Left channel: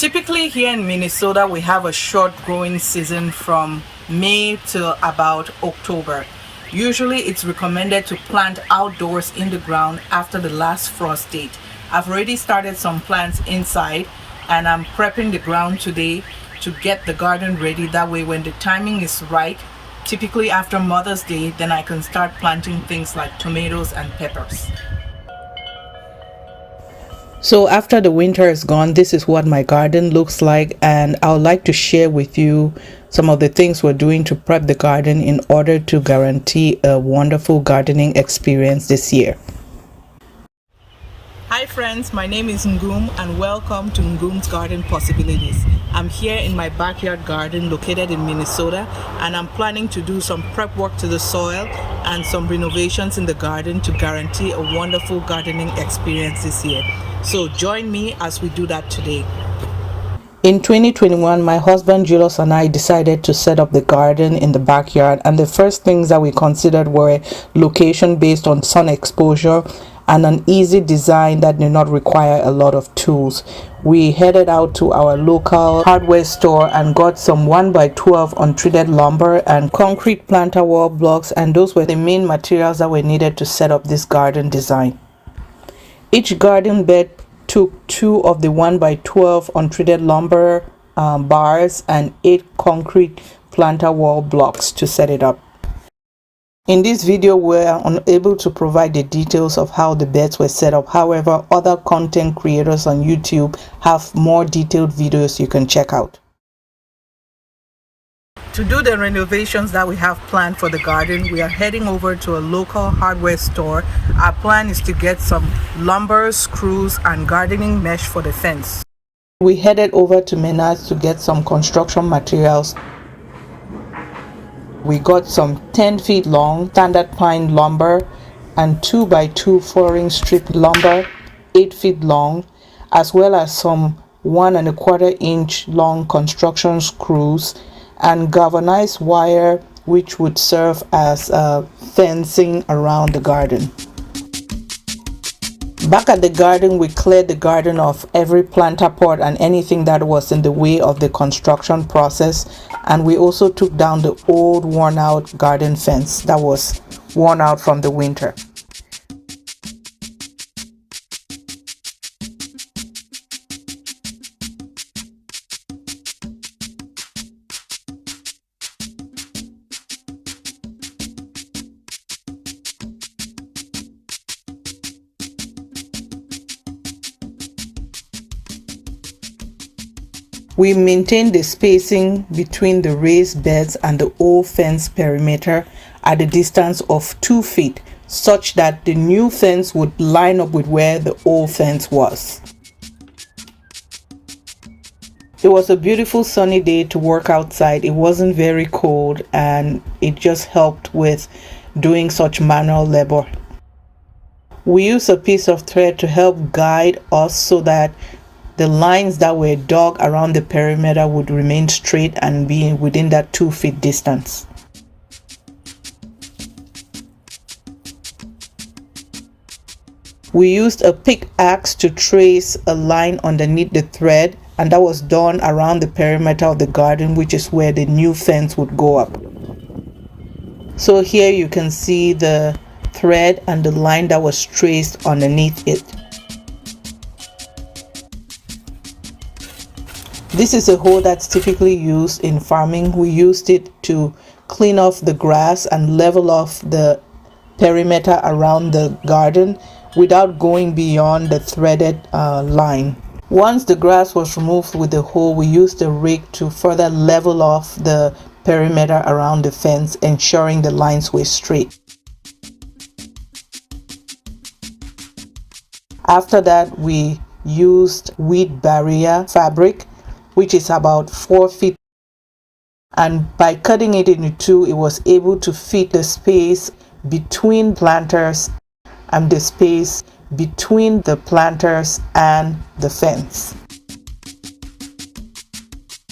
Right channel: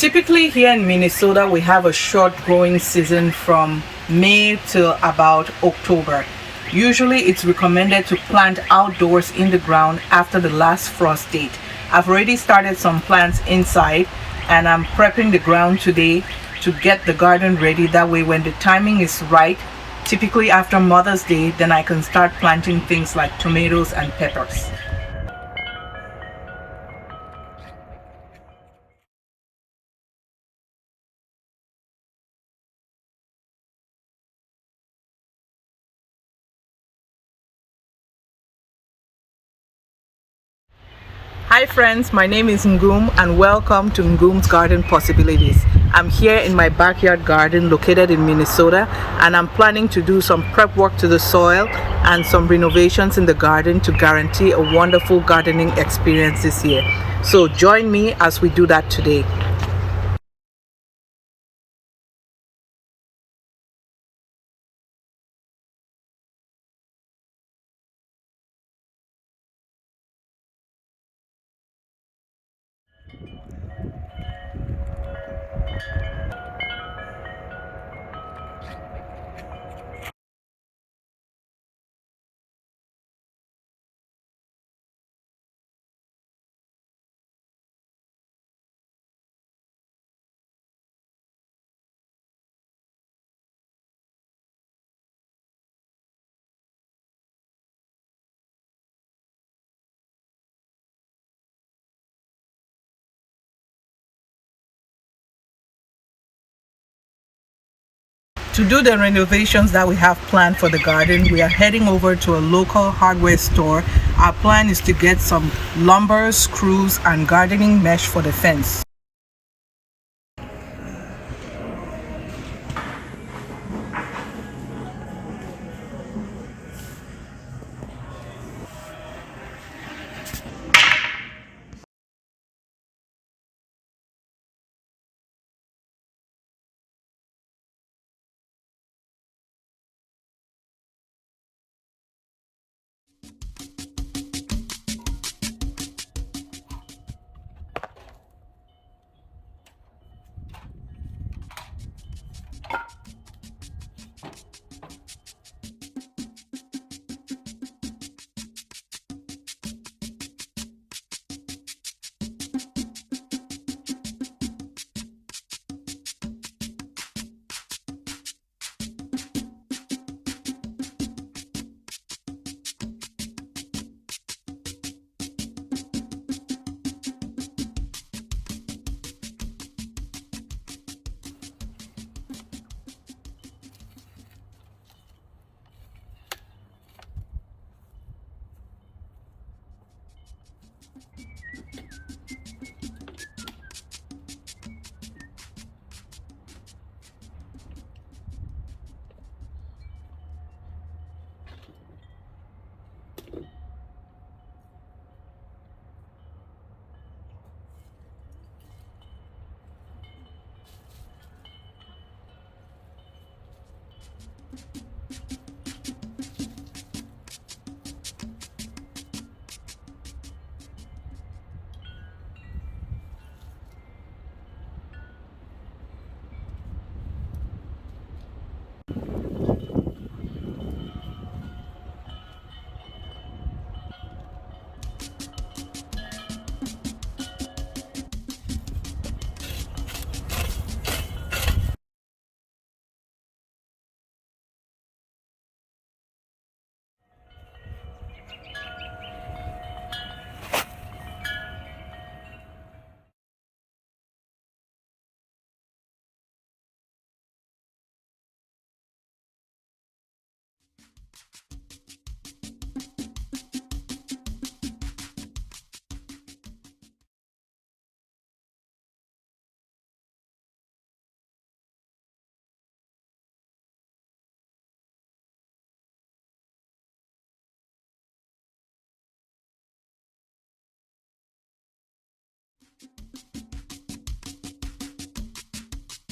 Typically here in Minnesota, we have a short growing season from May till about October. Usually it's recommended to plant outdoors in the ground after the last frost date. I've already started some plants inside and I'm prepping the ground today to get the garden ready. That way when the timing is right, typically after Mother's Day, then I can start planting things like tomatoes and peppers. So after the winter is gone, this is what my garden looks like, and I would like to share with you some of the things we're doing to prep the garden in order to guarantee a wonderful gardening experience this year. Hi friends, my name is Ngum and welcome to Ngum's Garden Possibilities. I'm here in my backyard garden located in Minnesota, and I'm planning to do some prep work to the soil and some renovations in the garden to guarantee a wonderful gardening experience this year. So join me as we do that today. In 2021, my husband Julius and I decided to set up the garden in the backyard, and the first things that we considered were location based on sun exposure and an easy design that did not require a lot of tools. We headed out to our local hardware store and got some 1x12 untreated lumber and concrete planter wall blocks, and those were the main materials that were needed to set up this garden design. Each garden bed took 2 of the 1x12 untreated lumber bars and 8 concrete planter wall blocks to set it up. In this video, we're unable to provide the details of how the beds were set up. However, other content creators on YouTube have more detailed videos you can check out. To do the renovations that we have planned for the garden, we are heading over to a local hardware store. Our plan is to get some lumber, screws, and gardening mesh for the fence. We headed over to Menards to get some construction materials. We got some 10 feet long standard pine lumber and 2x2 4-inch strip lumber, 8 feet long, as well as some 1¼ inch long construction screws and galvanized wire, which would serve as fencing around the garden. Back at the garden, we cleared the garden of every planter pot and anything that was in the way of the construction process, and we also took down the old worn out garden fence that was worn out from the winter. We maintained the spacing between the raised beds and the old fence perimeter at a distance of 2 feet, such that the new fence would line up with where the old fence was. It was a beautiful sunny day to work outside. It wasn't very cold, and it just helped with doing such manual labor. We used a piece of thread to help guide us so that the lines that were dug around the perimeter would remain straight and be within that 2 feet distance. We used a pickaxe to trace a line underneath the thread, and that was done around the perimeter of the garden, which is where the new fence would go up. So here you can see the thread and the line that was traced underneath it. This is a hoe that's typically used in farming. We used it to clean off the grass and level off the perimeter around the garden without going beyond the threaded line. Once the grass was removed with the hoe, we used a rake to further level off the perimeter around the fence, ensuring the lines were straight. After that, we used weed barrier fabric, which is about 4 feet, and by cutting it into 2, it was able to fit the space between planters and the space between the planters and the fence.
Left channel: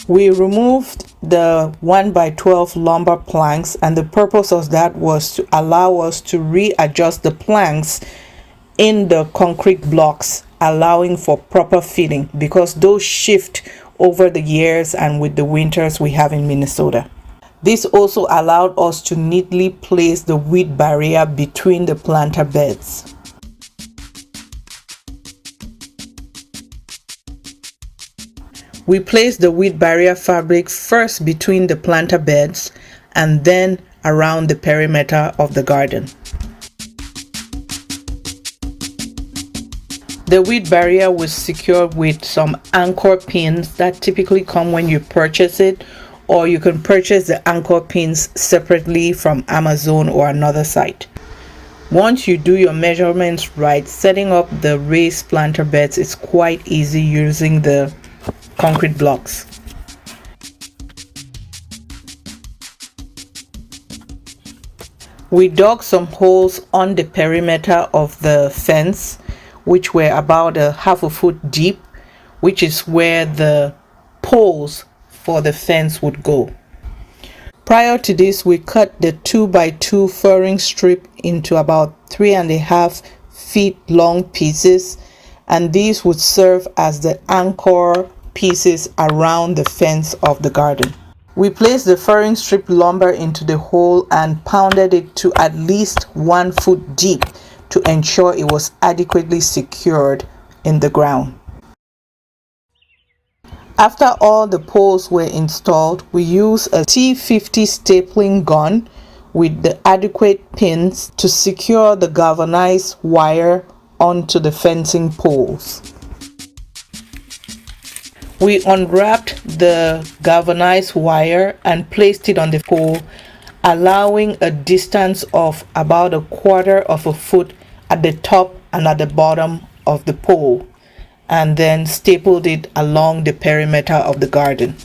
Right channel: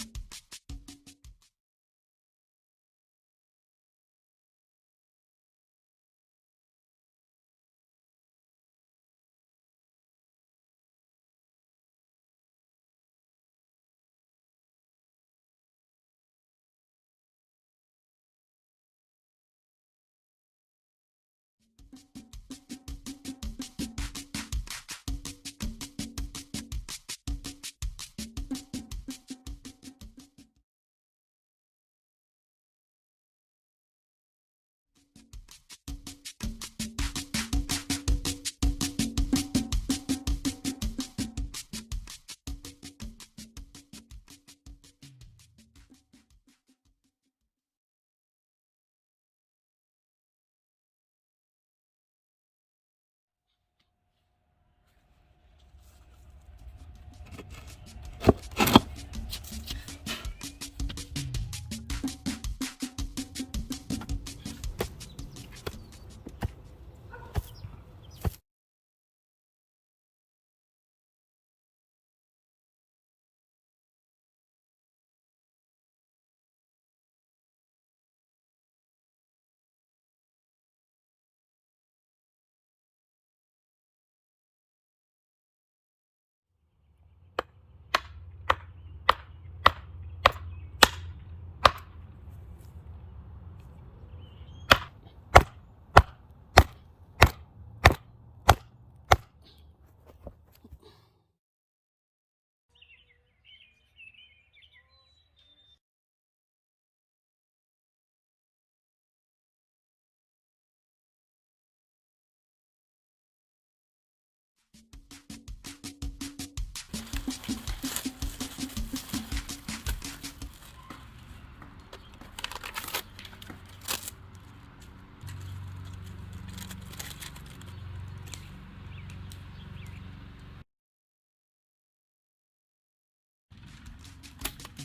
We removed the 1x12 lumber planks, and the purpose of that was to allow us to readjust the planks in the concrete blocks, allowing for proper feeding because those shift over the years and with the winters we have in Minnesota. This also allowed us to neatly place the weed barrier between the planter beds. We placed the weed barrier fabric first between the planter beds and then around the perimeter of the garden. The weed barrier was secured with some anchor pins that typically come when you purchase it, or you can purchase the anchor pins separately from Amazon or another site. Once you do your measurements right, setting up the raised planter beds is quite easy using the concrete blocks. We dug some holes on the perimeter of the fence, which were about a half a foot deep, which is where the poles for the fence would go. Prior to this, we cut the 2x2 furring strip into about 3.5 feet long pieces, and these would serve as the anchor pieces around the fence of the garden. We placed the furring strip lumber into the hole and pounded it to at least 1 foot deep to ensure it was adequately secured in the ground. After all the poles were installed, we used a T50 stapling gun with the adequate pins to secure the galvanized wire onto the fencing poles. We unwrapped the galvanized wire and placed it on the pole, allowing a distance of about 1/4 of a foot at the top and at the bottom of the pole, and then stapled it along the perimeter of the garden.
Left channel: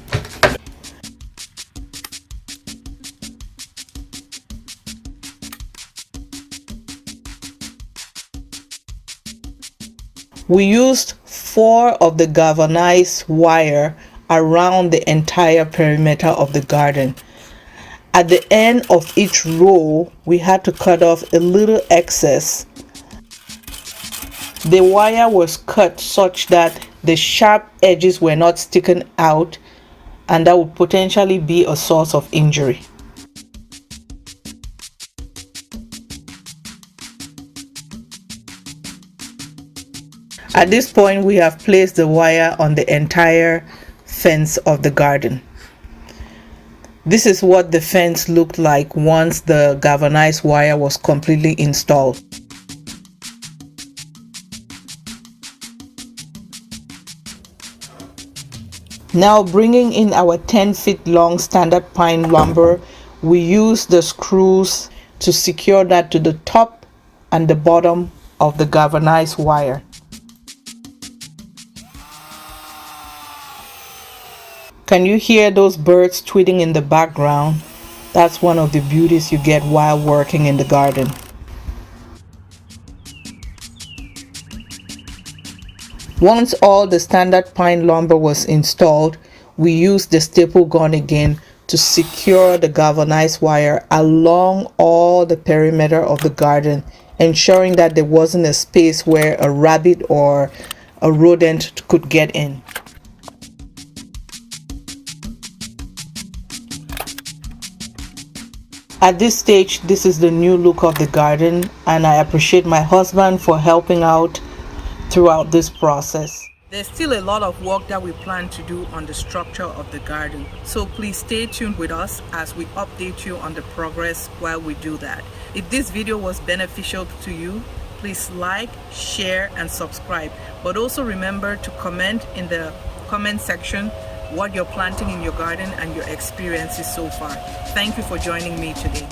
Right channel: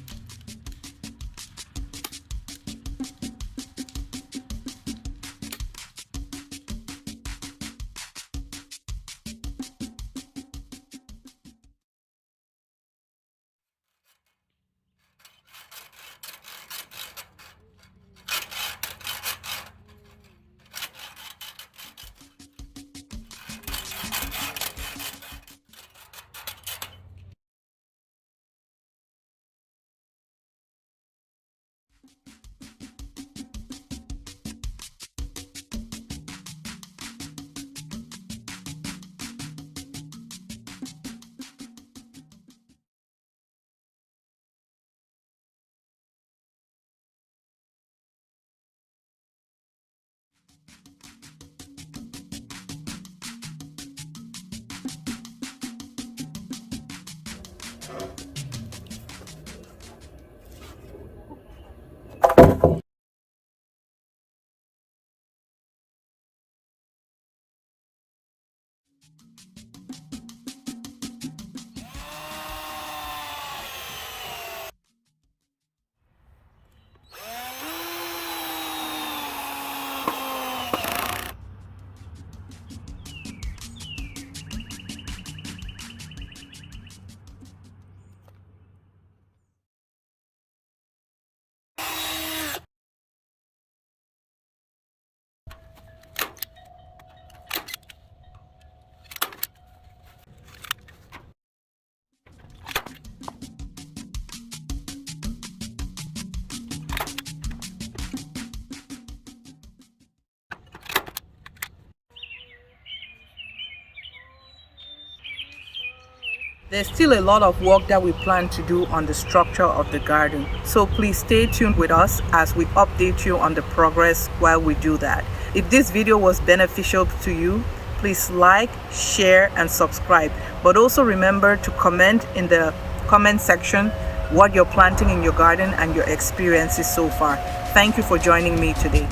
We used 4 of the galvanized wire around the entire perimeter of the garden. At the end of each row, we had to cut off a little excess. The wire was cut such that the sharp edges were not sticking out, and that would potentially be a source of injury. At this point, we have placed the wire on the entire fence of the garden. This is what the fence looked like once the galvanized wire was completely installed. Now, bringing in our 10-foot long standard pine lumber, we use the screws to secure that to the top and the bottom of the galvanized wire. Can you hear those birds tweeting in the background? That's one of the beauties you get while working in the garden. Once all the standard pine lumber was installed, we used the staple gun again to secure the galvanized wire along all the perimeter of the garden, ensuring that there wasn't a space where a rabbit or a rodent could get in. At this stage, this is the new look of the garden, and I appreciate my husband for helping out throughout this process. There's still a lot of work that we plan to do on the structure of the garden, so please stay tuned with us as we update you on the progress while we do that. If this video was beneficial to you, please like, share, and subscribe. But also remember to comment in the comment section what you're planting in your garden and your experiences so far. Thank you for joining me today.